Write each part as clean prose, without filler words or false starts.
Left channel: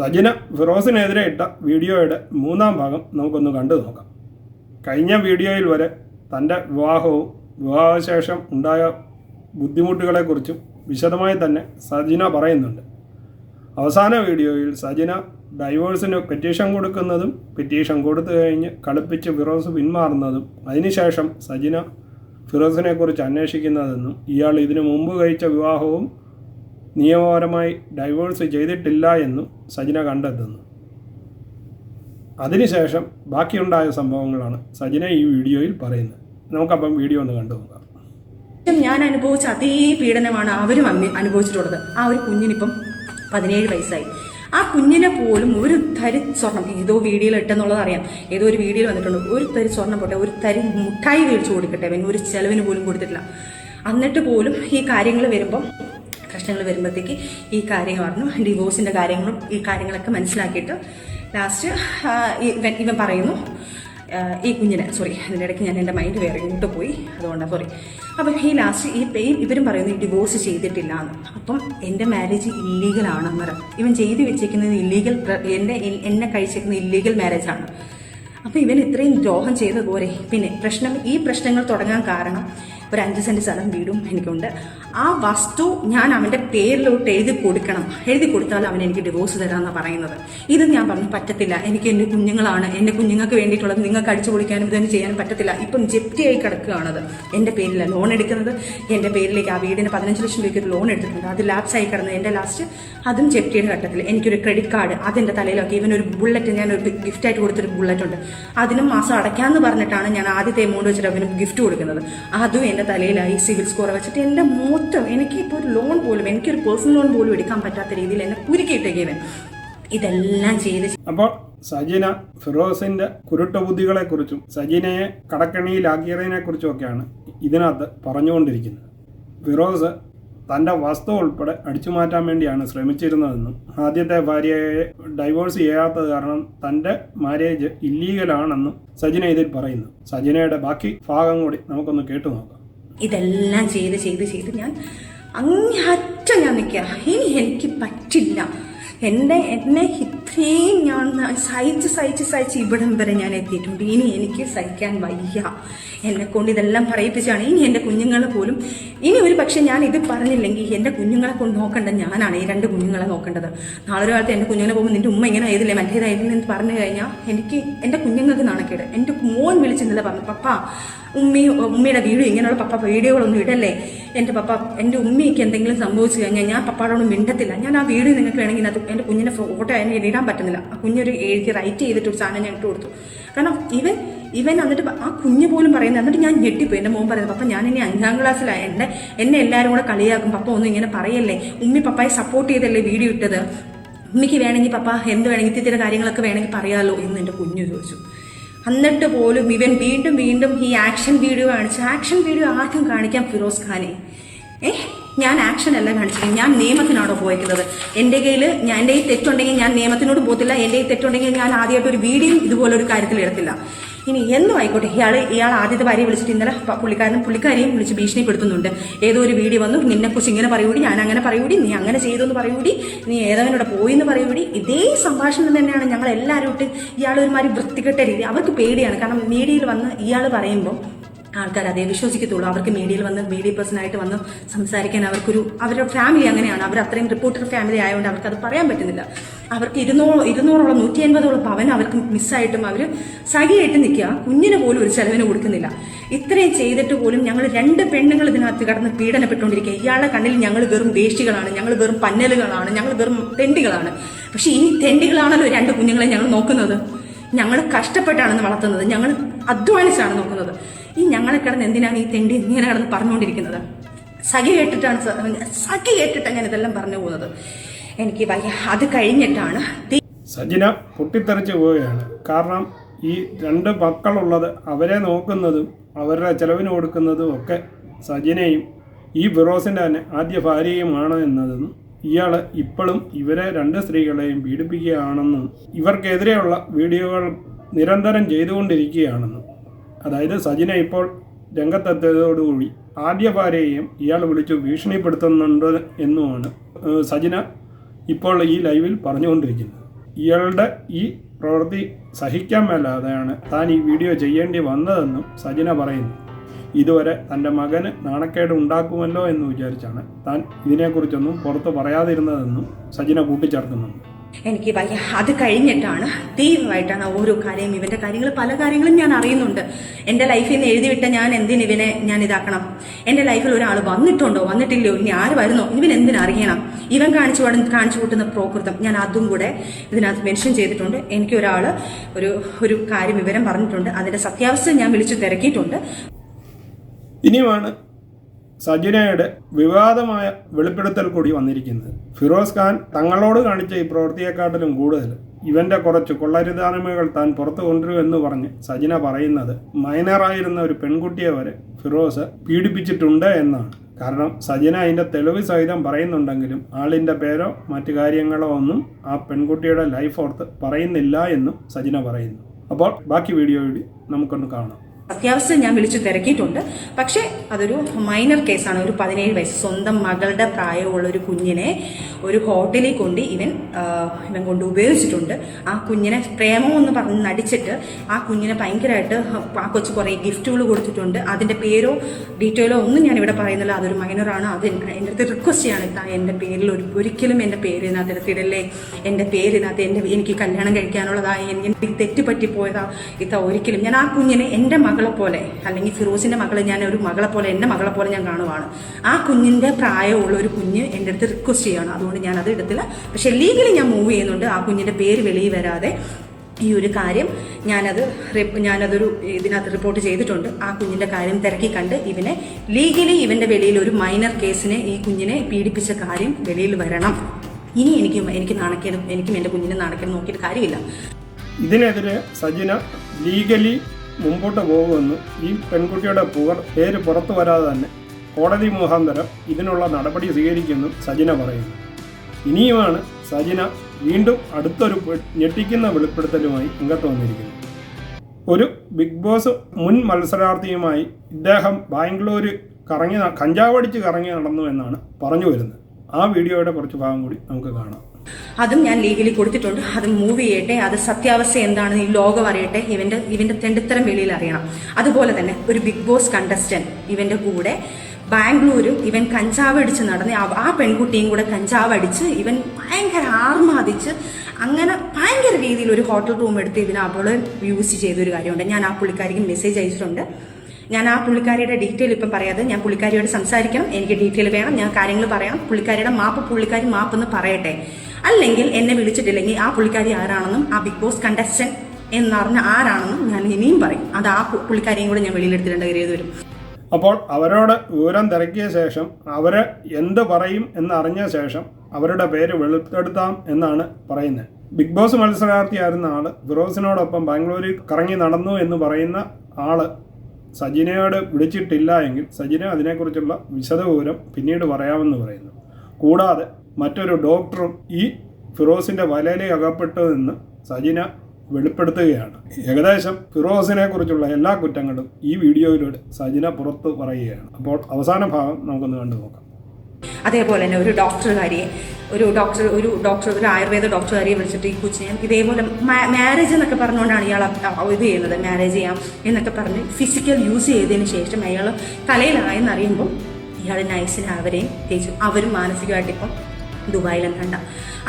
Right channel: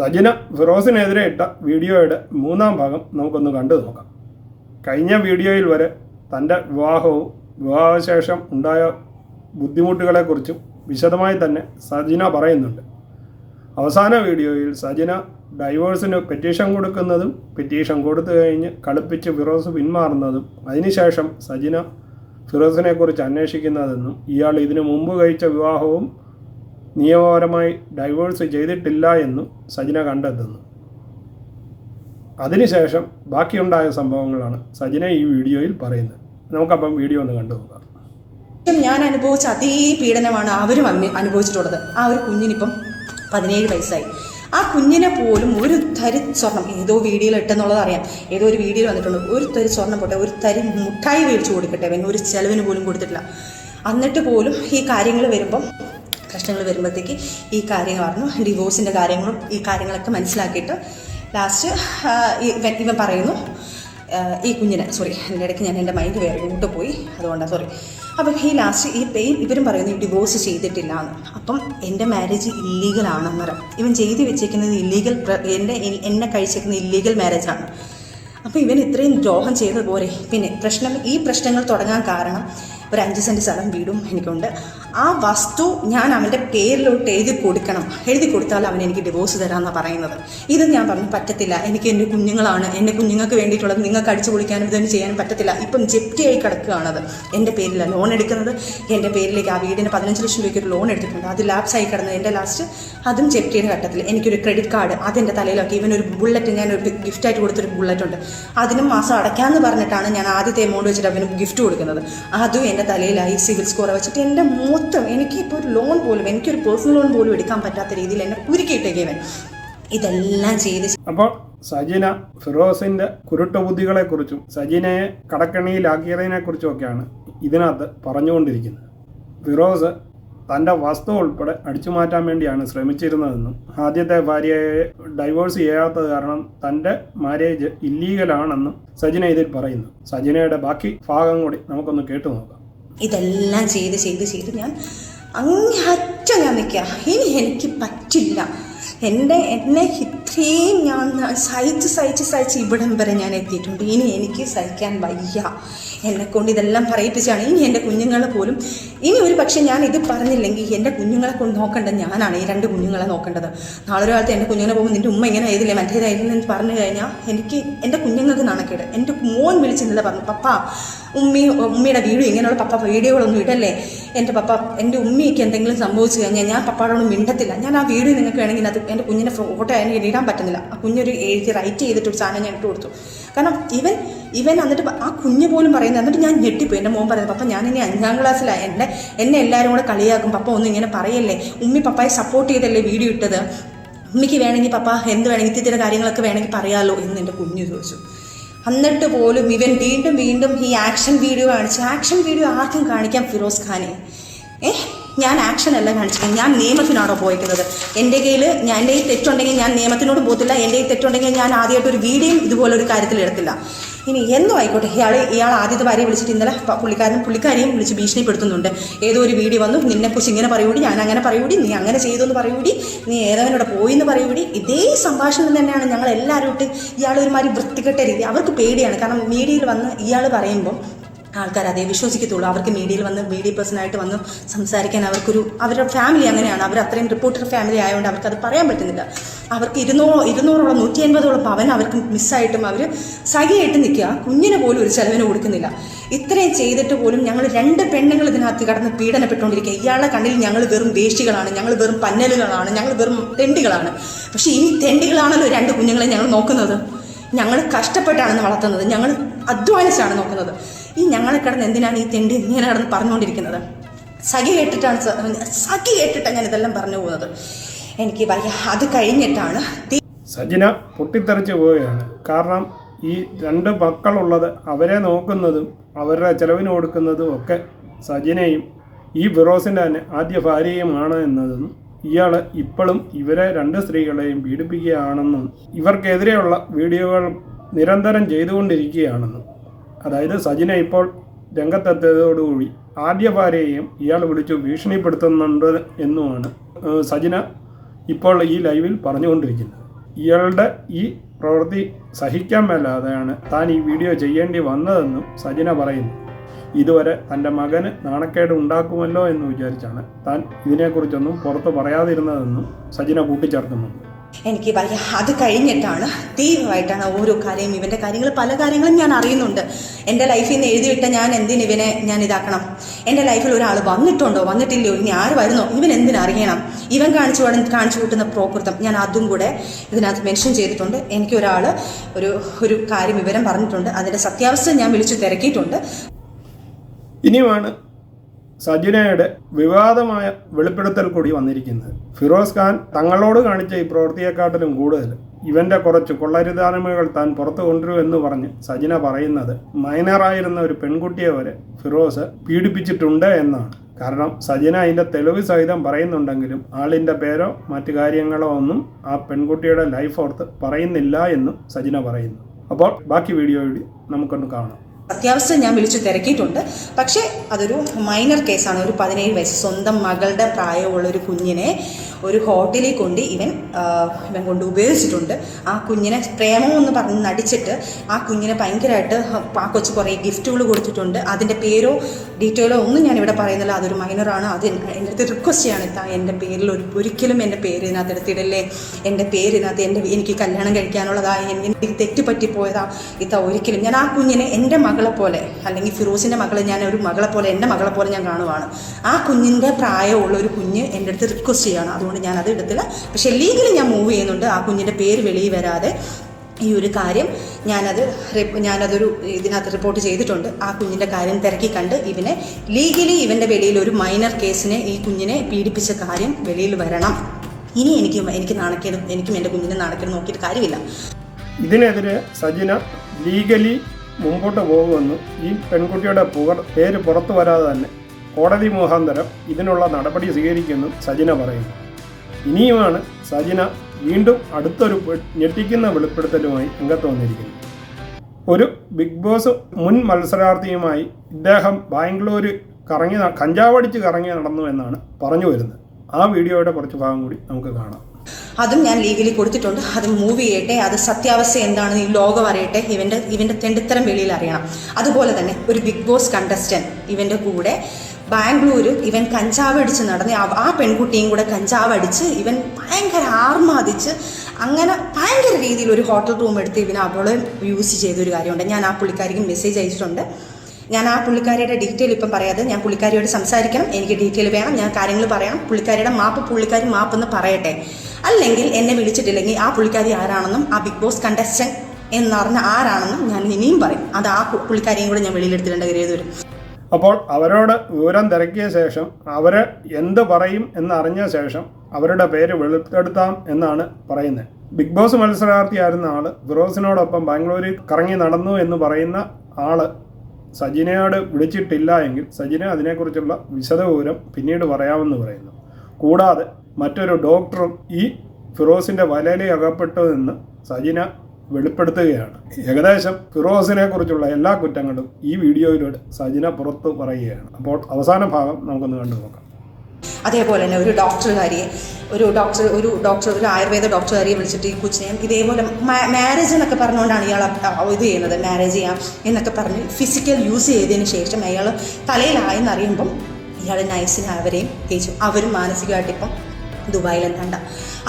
സജിന ഫിറോസിനെതിരെ ഇട്ട വീഡിയോയുടെ 3-ാം ഭാഗം നമുക്കൊന്ന് കണ്ടു നോക്കാം. കഴിഞ്ഞ വീഡിയോയിൽ വരെ തൻ്റെ വിവാഹശേഷം ഉണ്ടായ ബുദ്ധിമുട്ടുകളെക്കുറിച്ചും വിശദമായി തന്നെ സജിന പറയുന്നുണ്ട്. അവസാന വീഡിയോയിൽ സജിന ഡൈവോഴ്സിന് പെറ്റീഷൻ കൊടുക്കുന്നതും പെറ്റീഷൻ കൊടുത്തു കഴിഞ്ഞ് കളിപ്പിച്ച് ഫിറോസ് പിന്മാറുന്നതും അതിനുശേഷം സജിന ഫിറോസിനെക്കുറിച്ച് അന്വേഷിക്കുന്നതെന്നും ഇയാൾ ഇതിനു മുമ്പ് കഴിച്ച വിവാഹവും നിയമപരമായി ഡൈവോഴ്സ് ചെയ്തിട്ടില്ല എന്നും സജിന കണ്ടെത്തുന്നു. അതിനുശേഷം ബാക്കിയുണ്ടായ സംഭവങ്ങളാണ് സജിന ഈ വീഡിയോയിൽ പറയുന്നത്. നമുക്കപ്പം വീഡിയോ ഒന്ന് കണ്ടു നോക്കാം. ഞാൻ അനുഭവിച്ച അതേ പീഡനമാണ് അവരും അനുഭവിച്ചിട്ടുള്ളത്. ആ ഒരു കുഞ്ഞിനിപ്പം 17 വയസ്സായി. ആ കുഞ്ഞിനെ പോലും ഒരു തരി സ്വർണം, ഏതോ വീഡിയോയിൽ ഇട്ടെന്നുള്ളത് അറിയാം, ഏതോ ഒരു വീഡിയോയിൽ വന്നിട്ടുണ്ട്, ഒരു തരി സ്വർണം പോട്ടെ, ഒരു തരി മുട്ടായി മേടിച്ചു കൊടുക്കട്ടെ, അവൻ ഒരു ചെലവിന് പോലും കൊടുത്തിട്ടില്ല. എന്നിട്ട് പോലും ഈ കാര്യങ്ങൾ വരുമ്പം, പ്രശ്നങ്ങൾ വരുമ്പോഴത്തേക്ക് ഈ കാര്യം പറഞ്ഞു, ഡിവോഴ്സിൻ്റെ കാര്യങ്ങളും ഈ കാര്യങ്ങളൊക്കെ മനസ്സിലാക്കിയിട്ട് ലാസ്റ്റ് ഇവൻ പറയുന്നു ഈ കുഞ്ഞിനെ, സോറി അതിൻ്റെ ഇടയ്ക്ക് ഞാൻ എൻ്റെ മൈൻഡ് വേറെ ഇങ്ങോട്ട് പോയി, അതുകൊണ്ടാണ് സോറി. അപ്പം ഈ ലാസ്റ്റ് ഇവരും പറയുന്നു ഡിവോഴ്സ് ചെയ്തിട്ടില്ല എന്ന്. അപ്പം എൻ്റെ മാരേജ് ഇല്ലീഗലാണെന്ന് പറയാം. ഇവൻ ചെയ്ത് വെച്ചേക്കുന്നത് ഇല്ലീഗൽ, എന്നെ കഴിച്ചേക്കുന്ന ഇല്ലീഗൽ മാരേജാണ്. അപ്പോൾ ഇവൻ ഇത്രയും ദ്രോഹം ചെയ്തതുപോലെ പിന്നെ ഈ പ്രശ്നങ്ങൾ തുടങ്ങാൻ കാരണം ഒരു 5 സെൻറ്റ് സ്ഥലം വീടും എനിക്കുണ്ട്. ആ വസ്തു ഞാൻ അവൻ്റെ പേരിലോട്ട് എഴുതി കൊടുത്താൽ അവൻ എനിക്ക് ഡിവോഴ്സ് തരാമെന്നാണ് പറയുന്നത്. ഇത് ഞാൻ പറഞ്ഞു പറ്റത്തില്ല, എനിക്ക് എൻ്റെ കുഞ്ഞുങ്ങളാണ്, എൻ്റെ കുഞ്ഞുങ്ങൾക്ക് വേണ്ടിയിട്ടുള്ളത്, നിങ്ങൾക്ക് അടിച്ചു പൊളിക്കാനും ഇതൊന്നും ചെയ്യാനും പറ്റത്തില്ല. ഇപ്പം ജപ്തിയായി കിടക്കുകയാണത്. എൻ്റെ പേരിലാണ് ലോൺ എടുക്കുന്നത്, എൻ്റെ പേരിലേക്ക് ആ വീടിന് 15 ലക്ഷം രൂപയ്ക്ക് ഒരു ലോൺ എടുത്തിട്ടുണ്ട്, അത് ലാപ്സായി കിടന്നത്. എൻ്റെ ലാസ്റ്റ് അതും ജപ്തിയുടെ ഘട്ടത്തിൽ എനിക്കൊരു ക്രെഡിറ്റ് കാർഡ് അതെൻ്റെ തലയിലാക്കി. ഇവനൊരു ബുള്ളറ്റ്, ഞാനൊരു ഗിഫ്റ്റായിട്ട് കൊടുത്തൊരു ബുള്ളറ്റ് ഉണ്ട്, അതിനും മാസം അടയ്ക്കാമെന്ന് പറഞ്ഞിട്ടാണ് ഞാൻ ആദ്യത്തെ എമൗണ്ട് വെച്ചിട്ട് അവന് ഗിഫ്റ്റ് കൊടുക്കുന്നത്. അതും എൻ്റെ തലയിലായി സിവിൽ സ്കോർ വെച്ചിട്ട് എൻ്റെ മൊത്തം എനിക്കിപ്പോൾ ഒരു ലോൺ പോലും, എനിക്കൊരു പേഴ്സണൽ ലോൺ പോലും എടുക്കാൻ പറ്റാത്ത രീതിയിൽ എന്നെ കുരുക്കിയിട്ടേക്കവൻ ഇതെല്ലാം ചെയ്ത്. അപ്പോൾ സജിന ഫിറോസിന്റെ കുരുട്ടുബുദ്ധികളെ കുറിച്ചും സജിനയെ കടക്കണിയിലാക്കിയതിനെ കുറിച്ചും ഒക്കെയാണ് ഇതിനകത്ത് പറഞ്ഞുകൊണ്ടിരിക്കുന്നത്. ഫിറോസ് തൻ്റെ വസ്തു ഉൾപ്പെടെ അടിച്ചു മാറ്റാൻ വേണ്ടിയാണ് ശ്രമിച്ചിരുന്നതെന്നും ആദ്യത്തെ ഭാര്യയെ ഡൈവോഴ്സ് ചെയ്യാത്തത് കാരണം തൻ്റെ മാരേജ് ഇല്ലീഗലാണെന്നും സജിന ഇതിൽ പറയുന്നു. സജിനയുടെ ബാക്കി ഭാഗം കൂടി നമുക്കൊന്ന് കേട്ടു നോക്കാം. ഇതെല്ലാം ചെയ്ത് ഞാൻ അങ്ങേയറ്റം ഞാൻ നിൽക്കുക. ഇനി എനിക്ക് പറ്റില്ല, എന്നെ ഇത്രയും ഞാൻ സഹിച്ച് ഇവിടം വരെ ഞാൻ എത്തിയിട്ടുണ്ട്. ഇനി എനിക്ക് സഹിക്കാൻ വയ്യ. എന്നെക്കൊണ്ട് ഇതെല്ലാം പറയിപ്പിച്ചാണ്. ഇനി എൻ്റെ കുഞ്ഞുങ്ങളെ പോലും, ഇനി ഒരു പക്ഷേ ഞാൻ ഇത് പറഞ്ഞില്ലെങ്കിൽ എൻ്റെ കുഞ്ഞുങ്ങളെ കൊണ്ട് നോക്കേണ്ടത് ഞാനാണ്, ഈ 2 കുഞ്ഞുങ്ങളെ നോക്കേണ്ടത്. നാളെ ഒരു കാലത്ത് എൻ്റെ കുഞ്ഞുങ്ങളെ പോകുമ്പോൾ നിൻ്റെ ഉമ്മ ഇങ്ങനെ ചെയ്തില്ലേ മറ്റേതായിരുന്നു എന്ന് പറഞ്ഞു കഴിഞ്ഞാൽ എനിക്ക് എൻ്റെ കുഞ്ഞുങ്ങൾക്ക് നാണക്കേട്. എൻ്റെ മോൻ വിളിച്ചിരുന്നില്ല പറഞ്ഞു, പപ്പ ഉമ്മയുടെ വീഡിയോ, ഇങ്ങനെയുള്ള പപ്പ വീഡിയോകളൊന്നും ഇടല്ലേ, എൻ്റെ ഉമ്മയ്ക്ക് എന്തെങ്കിലും സംഭവിച്ചു കഴിഞ്ഞാൽ ഞാൻ പപ്പാടൊന്നും മിണ്ടത്തില്ല, ഞാൻ ആ വീഡിയോ നിങ്ങൾക്ക് വേണമെങ്കിൽ അത് എൻ്റെ കുഞ്ഞിൻ്റെ ഫോട്ടോ അതിന് ഇടാൻ പറ്റുന്നില്ല. ആ കുഞ്ഞൊരു റൈറ്റ് ചെയ്തിട്ടൊരു സാധനം ഞാൻ ഇട്ട് കൊടുത്തു. കാരണം ഇവൻ എന്നിട്ട് ആ കുഞ്ഞ് പോലും പറയുന്നത്, എന്നിട്ട് ഞാൻ ഞെട്ടിപ്പോയി. എൻ്റെ മോൻ പറയുന്നത്, പപ്പ ഞാനിനി 5ാം ക്ലാസ്സിലായി, എന്നെ എല്ലാവരും കൂടെ കളിയാക്കും, പപ്പ ഒന്നും ഇങ്ങനെ പറയല്ലേ, ഉമ്മി പപ്പയെ സപ്പോർട്ട് ചെയ്തല്ലേ വീഡിയോ ഇട്ടത്, ഉമ്മിക്ക് വേണമെങ്കിൽ പപ്പ എന്ത് വേണമെങ്കിൽ ഇത്തിരി കാര്യങ്ങളൊക്കെ വേണമെങ്കിൽ പറയാമല്ലോ എന്ന് എൻ്റെ കുഞ്ഞ് ചോദിച്ചു. എന്നിട്ട് പോലും ഇവൻ വീണ്ടും ഈ ആക്ഷൻ വീഡിയോ കാണിച്ചു. ആക്ഷൻ വീഡിയോ ആർക്കും കാണിക്കാം ഫിറോസ് ഖാനെ. ഞാൻ ആക്ഷൻ അല്ല കാണിച്ചത്, ഞാൻ നിയമത്തിനാണോ പോയിരിക്കുന്നത്. എൻ്റെ കയ്യിൽ തെറ്റുണ്ടെങ്കിൽ ഞാൻ നിയമത്തിനോട് പോകത്തില്ല. എൻ്റെ തെറ്റുണ്ടെങ്കിൽ ഞാൻ ആദ്യമായിട്ട് ഒരു വീഡിയോ ഇതുപോലൊരു കാര്യത്തിൽ എടുത്തില്ല. ഇനി എന്തോ ആയിക്കോട്ടെ, ഇയാൾ ആദ്യത്തെ ഭാര്യയെ വിളിച്ചിട്ട് ഇന്നലെ പുള്ളിക്കാരിയും വിളിച്ച് ഭീഷണിപ്പെടുത്തുന്നുണ്ട്. ഏതോ ഒരു വീഡിയോ വന്നു, നിന്നെക്കുറിച്ച് ഇങ്ങനെ പറയൂടി, ഞാൻ അങ്ങനെ പറയൂടി, നീ അങ്ങനെ ചെയ്തു എന്ന് പറയൂടി, നീ ഏതവനോട് പോയി എന്ന് പറയൂടി. ഇതേ സംഭാഷണം തന്നെയാണ് ഞങ്ങൾ എല്ലാവരും ഇട്ട്. ഇയാൾ ഒരുമാതിരി വൃത്തികെട്ട രീതി, അവർക്ക് പേടിയാണ്. കാരണം മീഡിയയിൽ വന്ന് ഇയാൾ പറയുമ്പം ആൾക്കാർ അതേ വിശ്വസിക്കത്തുള്ളൂ. അവർക്ക് മീഡിയയിൽ വന്ന് മീഡിയ പേഴ്സണായിട്ട് വന്ന് സംസാരിക്കാൻ അവരുടെ ഫാമിലി അങ്ങനെയാണ്. അവർ അത്രയും റിപ്പോർട്ടർ ഫാമിലി ആയതുകൊണ്ട് അവർക്കത് പറയാൻ പറ്റുന്നില്ല. അവർക്ക് 200 150 പവൻ അവർക്ക് മിസ്സായിട്ടും അവർ സഹിയായിട്ട് നിൽക്കുക. കുഞ്ഞിന് പോലും ഒരു ചെലവിന് കൊടുക്കുന്നില്ല. ഇത്രയും ചെയ്തിട്ട് പോലും ഞങ്ങൾ 2 പെണ്ണുങ്ങൾ ഇതിനകത്ത് കടന്ന് പീഡനപ്പെട്ടുകൊണ്ടിരിക്കുക. ഇയാളുടെ കണ്ണിൽ ഞങ്ങൾ വെറും വേഷ്ടികളാണ്, ഞങ്ങൾ വെറും പന്നലുകളാണ്, ഞങ്ങൾ വെറും തെണ്ടികളാണ്. പക്ഷേ ഈ തെണ്ടികളാണല്ലോ 2 കുഞ്ഞുങ്ങളെ ഞങ്ങൾ നോക്കുന്നത്. ഞങ്ങൾ കഷ്ടപ്പെട്ടാണെന്ന് വളർത്തുന്നത്, ഞങ്ങൾ അധ്വാനിച്ചാണ് നോക്കുന്നത്. ഈ ഞങ്ങളെ കിടന്ന് എന്തിനാണ് ഈ തെണ്ടി ഇങ്ങനെ കിടന്ന് പറഞ്ഞുകൊണ്ടിരിക്കുന്നത്? സഖി കേട്ടിട്ടാണ് ഞാൻ ഇതെല്ലാം പറഞ്ഞു പോകുന്നത്. എനിക്ക് വയ്യ. അത് കഴിഞ്ഞിട്ടാണ് സജിന പൊട്ടിത്തെറിച്ച് പോവുകയാണ്. കാരണം ഈ 2 മക്കളുള്ളത് അവരെ നോക്കുന്നതും അവരുടെ ചെലവിന് കൊടുക്കുന്നതും ഒക്കെ സജിനയും ഈ ഫിറോസിൻ്റെ തന്നെ ആദ്യ ഭാര്യയുമാണ് എന്നതെന്നും ഇയാൾ ഇപ്പോഴും ഇവരെ 2 സ്ത്രീകളെയും പീഡിപ്പിക്കുകയാണെന്നും ഇവർക്കെതിരെയുള്ള വീഡിയോകൾ നിരന്തരം ചെയ്തുകൊണ്ടിരിക്കുകയാണെന്നും, അതായത് സജിന ഇപ്പോൾ രംഗത്തെത്തിയതോടുകൂടി ആദ്യ ഭാര്യയെയും ഇയാൾ വിളിച്ചു ഭീഷണിപ്പെടുത്തുന്നുണ്ട് എന്നുമാണ് സജിന ഇപ്പോൾ ഈ ലൈവിൽ പറഞ്ഞുകൊണ്ടിരിക്കുന്നത്. ഇയാളുടെ ഈ പ്രവൃത്തി സഹിക്കാൻ മേലാതെയാണ് താൻ ഈ വീഡിയോ ചെയ്യേണ്ടി വന്നതെന്നും സജിന പറയുന്നു. ഇതുവരെ തൻ്റെ മകന് നാണക്കേട് ഉണ്ടാക്കുമല്ലോ എന്ന് വിചാരിച്ചാണ് താൻ ഇതിനെക്കുറിച്ചൊന്നും പുറത്ത് പറയാതിരുന്നതെന്നും സജിന കൂട്ടിച്ചേർക്കുന്നുണ്ട്. എനിക്ക് വലിയ അത് കഴിഞ്ഞിട്ടാണ് തീവ്രമായിട്ടാണ് ഓരോ കാര്യം, ഇവൻ്റെ കാര്യങ്ങൾ പല കാര്യങ്ങളും ഞാൻ അറിയുന്നുണ്ട്. എൻ്റെ ലൈഫിൽ നിന്ന് എഴുതിവിട്ട ഞാൻ എന്തിന് ഇവനെ ഞാൻ ഇതാക്കണം? എൻ്റെ ലൈഫിൽ ഒരാൾ വന്നിട്ടുണ്ടോ വന്നിട്ടില്ലോ, ഞാൻ വരുന്നോ, ഇവൻ എന്തിനറിയണം? ഇവൻ കാണിച്ചു കൂട്ടുന്ന പ്രോകൃതം ഞാൻ അതും കൂടെ ഇതിനകത്ത് മെൻഷൻ ചെയ്തിട്ടുണ്ട്. എനിക്കൊരാൾ ഒരു കാര്യം വിവരം പറഞ്ഞിട്ടുണ്ട്. അതിൻ്റെ സത്യാവസ്ഥ ഞാൻ വിളിച്ചു തിരക്കിയിട്ടുണ്ട്. ഇനിയുമാണ് സജിനയുടെ വിവാദമായ വെളിപ്പെടുത്തൽ കൂടി വന്നിരിക്കുന്നത്. ഫിറോസ് ഖാൻ തങ്ങളോട് കാണിച്ച ഈ പ്രവൃത്തിയെക്കാട്ടിലും കൂടുതൽ ഇവൻ്റെ കുറച്ച് കൊള്ളരുതായ്മകൾ താൻ പുറത്തു കൊണ്ടുവരുമെന്ന് പറഞ്ഞ് സജിന പറയുന്നത് മൈനറായിരുന്ന ഒരു പെൺകുട്ടിയെ വരെ ഫിറോസ് പീഡിപ്പിച്ചിട്ടുണ്ട് എന്നാണ്. കാരണം സജിന അതിൻ്റെ തെളിവ് സഹിതം പറയുന്നുണ്ടെങ്കിലും ആളിൻ്റെ പേരോ മറ്റു കാര്യങ്ങളോ ഒന്നും ആ പെൺകുട്ടിയുടെ ലൈഫ് ഓർത്ത് പറയുന്നില്ല എന്നും സജിന പറയുന്നു. അപ്പോൾ ബാക്കി വീഡിയോ കൂടി നമുക്കൊന്ന് കാണാം. അത്യാവശ്യം ഞാൻ വിളിച്ചു തിരക്കിയിട്ടുണ്ട്. പക്ഷേ അതൊരു മൈനർ കേസാണ്. ഒരു 17 വയസ്സ് സ്വന്തം മകളുടെ പ്രായമുള്ള ഒരു കുഞ്ഞിനെ ഒരു ഹോട്ടലിൽ കൊണ്ട് ഇവൻ കൊണ്ട് ഉപയോഗിച്ചിട്ടുണ്ട്. ആ കുഞ്ഞിനെ പ്രേമം എന്ന് പറഞ്ഞ് നടിച്ചിട്ട് ആ കുഞ്ഞിനെ ഭയങ്കരമായിട്ട് ആ കൊച്ചു കുറേ ഗിഫ്റ്റുകൾ കൊടുത്തിട്ടുണ്ട്. അതിൻ്റെ പേരോ ഡീറ്റെയിലോ ഒന്നും ഞാനിവിടെ പറയുന്നില്ല. അതൊരു മൈനറാണ്. അത് എൻ്റെ അടുത്ത് റിക്വസ്റ്റ് ചെയ്യാണ്, എൻ്റെ പേരിൽ ഒരിക്കലും എൻ്റെ പേര് ഇതിനകത്ത് എടുത്തിടല്ലേ, എൻ്റെ പേരിനകത്ത് എനിക്ക് കല്യാണം കഴിക്കാനുള്ളതായി എനിക്ക് തെറ്റ് പറ്റിപ്പോയതാ ഇതാ, ഒരിക്കലും ഞാൻ ആ കുഞ്ഞിനെ എൻ്റെ മകളെ പോലെ, അല്ലെങ്കിൽ ഫിറോസിൻ്റെ മകളെ ഞാൻ ഒരു മകളെ പോലെ, എൻ്റെ മകളെ പോലെ ഞാൻ കാണുവാണ്. ആ കുഞ്ഞിൻ്റെ പ്രായമുള്ള ഒരു കുഞ്ഞ് എൻ്റെ അടുത്ത് റിക്വസ്റ്റ് ചെയ്യാണ്. അതുകൊണ്ട് ഞാനത് എടുത്തില്ല. പക്ഷേ ലീഗലി ഞാൻ മൂവ് ചെയ്യുന്നുണ്ട്. ആ കുഞ്ഞിൻ്റെ പേര് വെളിയിൽ വരാതെ ഈ ഒരു കാര്യം ഞാനതൊരു ഇതിനകത്ത് റിപ്പോർട്ട് ചെയ്തിട്ടുണ്ട്. ആ കുഞ്ഞിൻ്റെ കാര്യം തിരക്കി കണ്ട് ഇവനെ ലീഗലി ഇവൻ്റെ വെളിയിൽ ഒരു മൈനർ കേസിനെ ഈ കുഞ്ഞിനെ പീഡിപ്പിച്ച കാര്യം വെളിയിൽ വരണം. ഇനി എനിക്ക് നാണക്കേട്, എനിക്കും എൻ്റെ കുഞ്ഞിനെ നാണക്കേട് നോക്കിയിട്ട് കാര്യമില്ല. ഇതിനെതിരെ സജിന ലീഗലി മുമ്പോട്ട് പോകുമെന്നും ഈ പെൺകുട്ടിയുടെ പേര് പുറത്തു വരാതെ തന്നെ കോടതി മുഖാന്തരം ഇതിനുള്ള നടപടി സ്വീകരിക്കുമെന്നും സജിന പറയുന്നു. ഇനിയുമാണ് സജിന വീണ്ടും അടുത്തൊരു ഞെട്ടിക്കുന്ന വെളിപ്പെടുത്തലുമായി രംഗത്ത് വന്നിരിക്കുന്നു. ഒരു ബിഗ് ബോസ് മുൻ മത്സരാർത്ഥിയുമായി ഇദ്ദേഹം ബാംഗ്ലൂര് കഞ്ചാവടിച്ച് കറങ്ങി നടന്നു എന്നാണ് പറഞ്ഞു വരുന്നത്. ആ വീഡിയോയുടെ കുറച്ച് ഭാഗം കൂടി നമുക്ക് കാണാം. അതും ഞാൻ ലീഗലി കൊടുത്തിട്ടുണ്ട്. അത് മൂവ് ചെയ്യട്ടെ, അത് സത്യാവസ്ഥ എന്താണെന്ന് ഈ ലോകം അറിയട്ടെ, ഇവൻ്റെ തെണ്ടിത്തരം വെളിയിൽ അറിയണം. അതുപോലെ തന്നെ ഒരു ബിഗ് ബോസ് കണ്ടസ്റ്റൻറ്റ് ഇവൻ്റെ കൂടെ ബാംഗ്ലൂര് ഇവൻ കഞ്ചാവ് അടിച്ച് നടന്ന് ആ പെൺകുട്ടിയും കൂടെ കഞ്ചാവ് അടിച്ച് ഇവൻ ഭയങ്കര ആർമാദിച്ച് അങ്ങനെ ഭയങ്കര രീതിയിൽ ഒരു ഹോട്ടൽ റൂം എടുത്ത് ഇവന് അവളെ യൂസ് ചെയ്തൊരു കാര്യമുണ്ട്. ഞാൻ ആ പുള്ളിക്കാരിക്ക് മെസ്സേജ് അയച്ചിട്ടുണ്ട്. ഞാൻ ആ പുള്ളിക്കാരിയുടെ ഡീറ്റെയിൽ ഇപ്പം പറയാതെ ഞാൻ പുള്ളിക്കാരിയോട് സംസാരിക്കണം. എനിക്ക് ഡീറ്റെയിൽ വേണം, ഞാൻ കാര്യങ്ങൾ പറയണം. പുള്ളിക്കാരിയുടെ പുള്ളിക്കാരി മാപ്പെന്ന് പറയട്ടെ. അല്ലെങ്കിൽ എന്നെ വിളിച്ചിട്ടില്ലെങ്കിൽ ആ പുള്ളിക്കാരി ആരാണെന്നും ആ ബിഗ് ബോസ് കണ്ടസ്റ്റൻറ്റ് എന്നറിഞ്ഞ ആരാണെന്നും ഞാൻ ഇനിയും പറയും. അത് ആ പുള്ളിക്കാരിയും കൂടെ ഞാൻ വെളിയിലെടുത്തിട്ടുണ്ട് കയറിയത് വരും. അപ്പോൾ അവരോട് വിവരം തിരക്കിയ ശേഷം അവരെ എന്ത് പറയും എന്നറിഞ്ഞ ശേഷം അവരുടെ പേര് വെളിപ്പെടുത്താം എന്നാണ് പറയുന്നത്. ബിഗ് ബോസ് മത്സരാർത്ഥിയായിരുന്ന ആള് ഫിറോസിനോടൊപ്പം ബാംഗ്ലൂരിൽ കറങ്ങി നടന്നു എന്ന് പറയുന്ന ആള് സജിനയോട് വിളിച്ചിട്ടില്ല എങ്കിൽ സജിന അതിനെക്കുറിച്ചുള്ള വിശദവിവരം പിന്നീട് പറയാമെന്ന് പറയുന്നു. കൂടാതെ മറ്റൊരു ഡോക്ടറും ഈ ഫിറോസിൻ്റെ വലയിൽ അകപ്പെട്ടതെന്ന് സജിന വെളിപ്പെടുത്തുകയാണ്. ഏകദേശം ഫിറോസിനെ കുറിച്ചുള്ള എല്ലാ കുറ്റങ്ങളും ഈ വീഡിയോയിലൂടെ സജിന പുറത്തു പറയുകയാണ്. അപ്പോൾ അവസാന ഭാഗം നമുക്കൊന്ന് കണ്ടു നോക്കാം. അതേപോലെ തന്നെ ഒരു ആയുർവേദ ഡോക്ടറുകാരിയെ വിളിച്ചിട്ട് ഈ കൊച്ചിനെ ഇതേപോലെ മാരേജ് എന്നൊക്കെ പറഞ്ഞുകൊണ്ടാണ് ഇയാൾ ഇത് ചെയ്യുന്നത്. മാരേജ് ചെയ്യാം എന്നൊക്കെ പറഞ്ഞ് ഫിസിക്കൽ യൂസ് ചെയ്തതിന് ശേഷം അയാൾ തലയിലായെന്നറിയുമ്പം ഇയാൾ നൈസിന് അവരെയും തേച്ചു. അവരും മാനസികമായിട്ട് ഇപ്പം ദുബായിലെന്തണ്ട.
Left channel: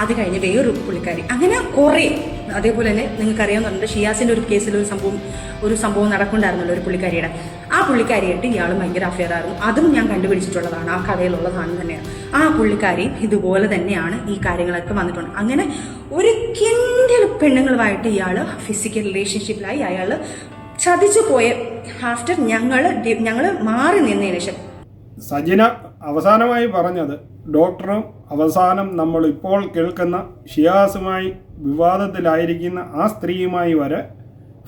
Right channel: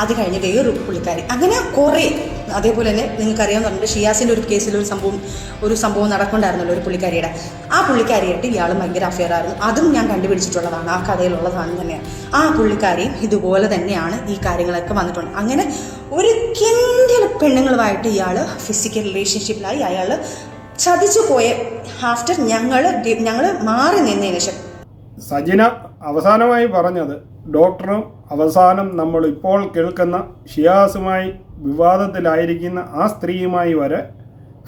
അത് കഴിഞ്ഞ് വേറൊരു പുള്ളിക്കാരി, അങ്ങനെ കുറേ. അതേപോലെ തന്നെ നിങ്ങൾക്കറിയാവുന്നുണ്ട് ഷിയാസിൻ്റെ ഒരു കേസിൽ ഒരു സംഭവം നടക്കുന്നുണ്ടായിരുന്നല്ലോ ഒരു പുള്ളിക്കാരിയുടെ. ആ പുള്ളിക്കാരിയായിട്ട് ഇയാൾ ഭയങ്കര അഫെയർ ആയിരുന്നു. അതും ഞാൻ കണ്ടുപിടിച്ചിട്ടുള്ളതാണ്, ആ കഥയിലുള്ളതാണ് തന്നെയാണ്. ആ പുള്ളിക്കാരിയും ഇതുപോലെ തന്നെയാണ് ഈ കാര്യങ്ങളൊക്കെ വന്നിട്ടുണ്ട്. അങ്ങനെ ഒരു കിൻഡൽ പെണ്ണുങ്ങളുമായിട്ട് ഇയാൾ ഫിസിക്കൽ റിലേഷൻഷിപ്പിലായി. അയാൾ ചതിച്ചു പോയ ആഫ്റ്റർ ഞങ്ങൾ മാറി നിന്നതിന് ശേഷം സജിന അവസാനമായി പറഞ്ഞത് ഡോക്ടറും അവസാനം നമ്മൾ ഇപ്പോൾ കേൾക്കുന്ന ഷിയാസുമായി വിവാദത്തിലായിരിക്കുന്ന ആ സ്ത്രീയുമായി വരെ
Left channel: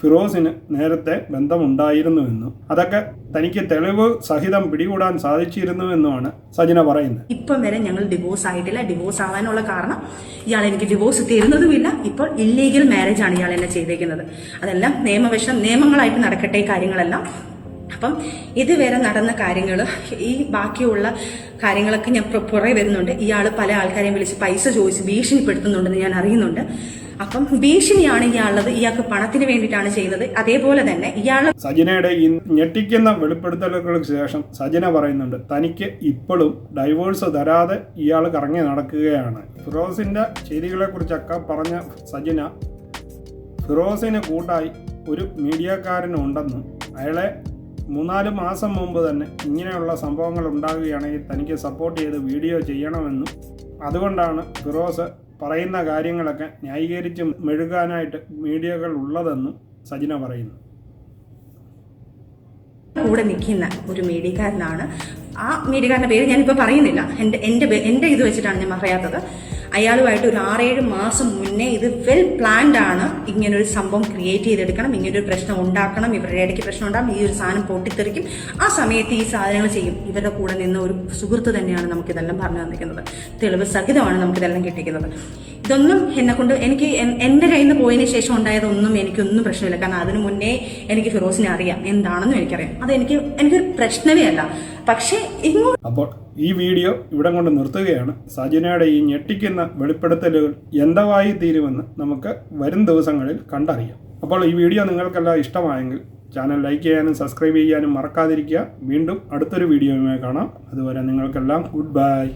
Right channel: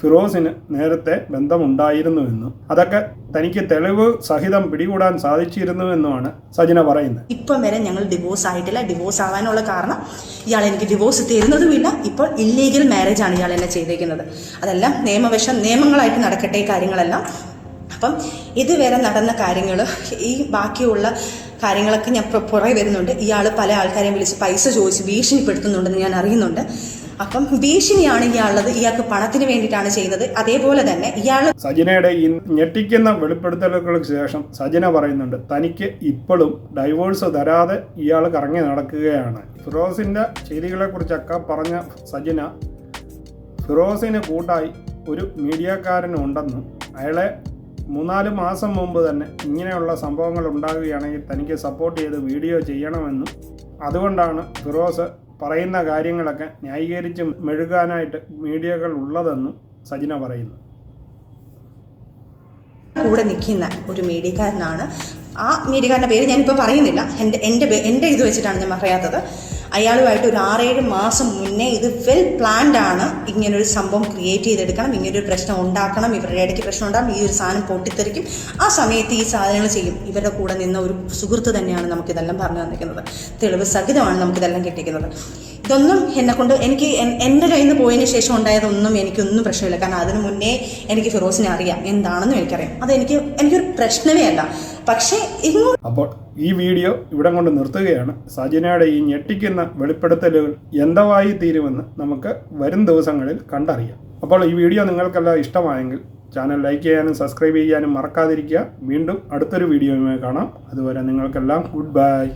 ഫിറോസിന് നേരത്തെ ബന്ധമുണ്ടായിരുന്നുവെന്നും അതൊക്കെ തനിക്ക് തെളിവ് സഹിതം പിടികൂടാൻ സാധിച്ചിരുന്നുവെന്നുമാണ് സജിന പറയുന്നത്. ഇപ്പം വരെ ഞങ്ങൾ ഡിവോഴ്സ് ആയിട്ടില്ല. ഡിവോഴ്സ് ആകാനുള്ള കാരണം ഇയാൾ എനിക്ക് ഡിവോഴ്സ് തരുന്നതുമില്ല. ഇപ്പോൾ ഇല്ലീഗൽ മാരേജാണ് ഇയാൾ എന്നെ ചെയ്തേക്കുന്നത്. അതെല്ലാം നിയമങ്ങളായിട്ട് നടക്കട്ടെ കാര്യങ്ങളെല്ലാം. അപ്പം ഇതുവരെ നടന്ന കാര്യങ്ങൾ, ഈ ബാക്കിയുള്ള കാര്യങ്ങളൊക്കെ ഞാൻ പുറകെ വരുന്നുണ്ട്. ഇയാൾ പല ആൾക്കാരെയും വിളിച്ച് പൈസ ചോദിച്ച് ഭീഷണിപ്പെടുത്തുന്നുണ്ടെന്ന് ഞാൻ അറിയുന്നുണ്ട്. അപ്പം ഭീഷണിയാണ് ഇയാളുള്ളത്. ഇയാൾക്ക് പണത്തിന് വേണ്ടിയിട്ടാണ് ചെയ്യുന്നത്. അതേപോലെ തന്നെ ഇയാൾ സജിനയുടെ ഈ ഞെട്ടിക്കുന്ന വെളിപ്പെടുത്തലുകൾക്ക് ശേഷം സജിന പറയുന്നുണ്ട് തനിക്ക് ഇപ്പോഴും ഡൈവോഴ്സ് തരാതെ ഇയാൾ കറങ്ങി നടക്കുകയാണ്. ഫിറോസിൻ്റെ ചെയ്തികളെക്കുറിച്ചൊക്കെ പറഞ്ഞ സജിന ഫിറോസിന് കൂട്ടായി ഒരു മീഡിയക്കാരനുണ്ടെന്നും അയാളെ 3-4 മാസം മുമ്പ് തന്നെ ഇങ്ങനെയുള്ള സംഭവങ്ങൾ ഉണ്ടാകുകയാണെങ്കിൽ തനിക്ക് സപ്പോർട്ട് ചെയ്ത് വീഡിയോ ചെയ്യണമെന്നും അതുകൊണ്ടാണ് ഫിറോസ് പറയുന്ന കാര്യങ്ങളൊക്കെ ന്യായീകരിച്ച് മെഴുകാനായിട്ട് മീഡിയകൾ ഉള്ളതെന്നും സജിന പറയുന്നു. കൂടെ നിൽക്കുന്ന ഒരു മീഡിയക്കാരനാണ്. ആ മീഡിയക്കാരൻ്റെ പേര് ഞാനിപ്പോൾ പറയുന്നില്ല. എൻ്റെ ഇത് വെച്ചിട്ടാണ് ഞാൻ പറയാത്തത്. അയാളുമായിട്ട് ഒരു 6-7 മാസം മുന്നേ ഇത് വെൽ പ്ലാൻഡ് ആണ്. ഇങ്ങനൊരു സംഭവം ക്രിയേറ്റ് ചെയ്തെടുക്കണം, ഇങ്ങനൊരു പ്രശ്നം ഉണ്ടാക്കണം, ഇവരുടെ ഇടയ്ക്ക് പ്രശ്നം ഉണ്ടാകും, ഈ ഒരു സാധനം പൊട്ടിത്തെറിക്കും, ആ സമയത്ത് ഈ സാധനങ്ങൾ ചെയ്യും. ഇവരുടെ കൂടെ നിന്ന ഒരു സുഹൃത്ത് തന്നെയാണ് നമുക്കിതെല്ലാം പറഞ്ഞു തന്നിരിക്കുന്നത്. തെളിവ് സഹിതമാണ് നമുക്കിതെല്ലാം കിട്ടിയിരിക്കുന്നത്. ഇതൊന്നും എന്നെക്കൊണ്ട് എനിക്ക് എൻ്റെ കയ്യിൽ നിന്ന് പോയതിന് ശേഷം ഉണ്ടായതൊന്നും എനിക്കൊന്നും പ്രശ്നമില്ല. കാരണം അതിന് മുന്നേ എനിക്ക് ഫിറോസിനെ അറിയാം, എന്താണെന്നും എനിക്കറിയാം. എനിക്കൊരു പ്രശ്നമേ അല്ല. പക്ഷേ അപ്പോൾ ഈ വീഡിയോ ഇവിടെ കൊണ്ട് നിർത്തുകയാണ്. സജിനയുടെ ഈ ഞെട്ടിക്കുന്ന വെളിപ്പെടുത്തലുകൾ എന്തായി തീരുമെന്ന് നമുക്ക് വരും ദിവസങ്ങളിൽ കണ്ടറിയാം. അപ്പോൾ ഈ വീഡിയോ നിങ്ങൾക്കെല്ലാം ഇഷ്ടമായെങ്കിൽ ചാനൽ ലൈക്ക് ചെയ്യാനും സബ്സ്ക്രൈബ് ചെയ്യാനും മറക്കാതിരിക്കുക. വീണ്ടും അടുത്തൊരു വീഡിയോയുമായി കാണാം. അതുവരെ നിങ്ങൾക്കെല്ലാം ഗുഡ് ബൈ.